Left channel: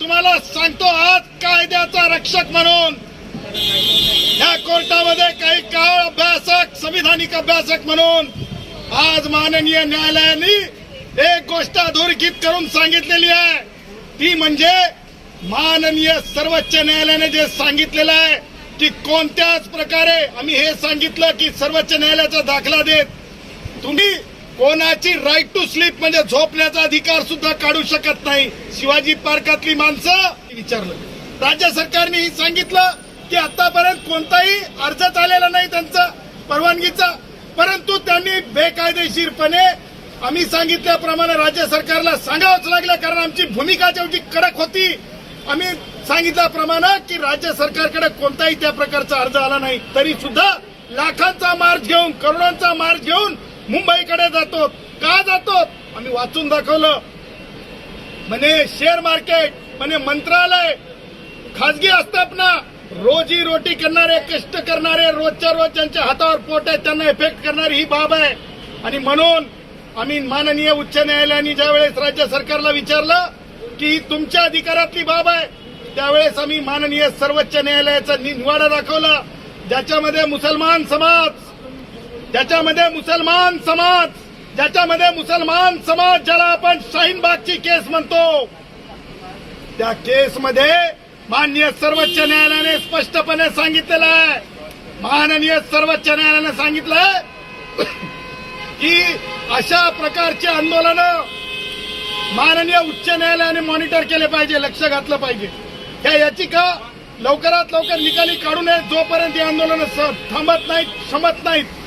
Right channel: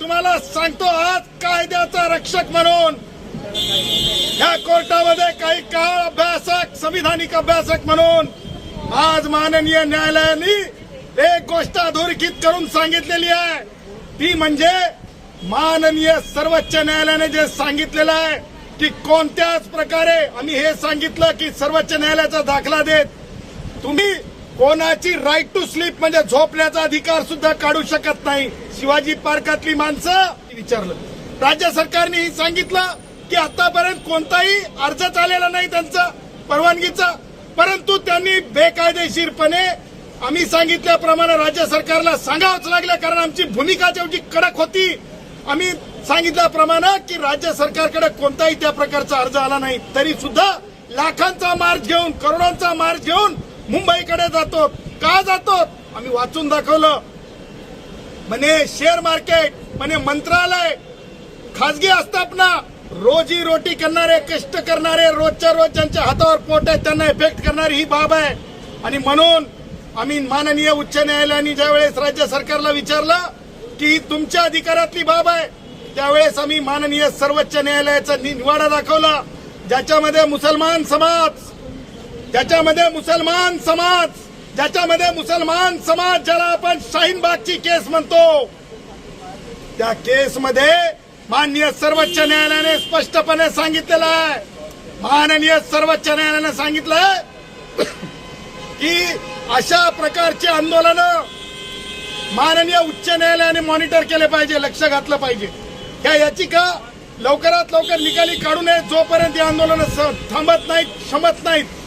तुम्हाला सांगतो आज कायद्याचा रक्षक म्हणून या कोर्टामध्ये काही काळ अभ्यासक संविधानिक अभ्यासक म्हणून आज माननीय न्यायालयाने एक गोष्ट अधोरेखित करून सांगितलेली आहे ती म्हणजे माननीय सर्वोच्च न्यायालयाने जे सांगितलेलं आहे की कोणत्याच प्रकारे आम्ही हे सांगितलं की सर्वोच्च न्यायालयाचा दाखला देत तुम्ही कोणाची राईट टू स्लीप म्हणजे झोपण्याचा अधिकार सुद्धा काढू शकत नाही शिवाजी पार्कातली माणसं विचारलं राज्य सरकारने ही सांगितलं की आतापर्यंत कोणताही अर्ज आलेला नाही त्यांचा परवानगीचा परंतु त्यांनी बेकायदेशीरपणे आम्ही सांगितल्याप्रमाणे राज्य सरकारला सांगावंच लागलं कारण आमची भूमिका जेवढी कडक होती आम्ही सांगितल्याप्रमाणे की राज्य सरकारकडे कोणताही त्या प्रकारचा अर्ज आला नाही तरी सुद्धा लाखांचा मार्च घेऊन करोडांचा मार्च घेऊन मुंबईकडे जातो का जातो आम्ही वाचून दाखवलं म्हणे शेअर मार्केट म्हणे मंत्रालय खाजगी आस्थापना रोजी रोटी करणारे कष्ट करणारे रोजच्या रोज ज्यांच्या हातावर पोट आहे त्यांना इफेक्ट करणारी ही बाब आहे आणि म्हणून आम्ही माननीय उच्च न्यायालयाने वेळेस राज्य सरकारला विचारलं की ही तुमच्या अधिकारातली बाब आहे त्यावेळेस आम्ही माननीय सर्वोच्च न्यायालयाचा निवाडा दाखवला ज्याच्यामध्ये मुसलमान समाज ज्याच्यामध्ये मुसलमान समाज ज्याच्यामध्ये मुसलमान समाज ज्याला आपण शाहीनबागची केस म्हणतो त्या केसमध्ये माननीय सर्वोच्च न्यायालयाने स्पष्टपणे सांगितलेलं आहे माननीय सर्वोच्च न्यायालयाने सांगितलंय की अशा प्रकारची आंदोलनं माननीय उच्च न्यायालयाने मॉनिटर केले पाहिजे लक्ष घातलं पाहिजे त्या याचिका लवकरात लवकर निकाली काढू नये जोपर्यंत आंदोलन थांबत नाहीत क्षमत नाहीत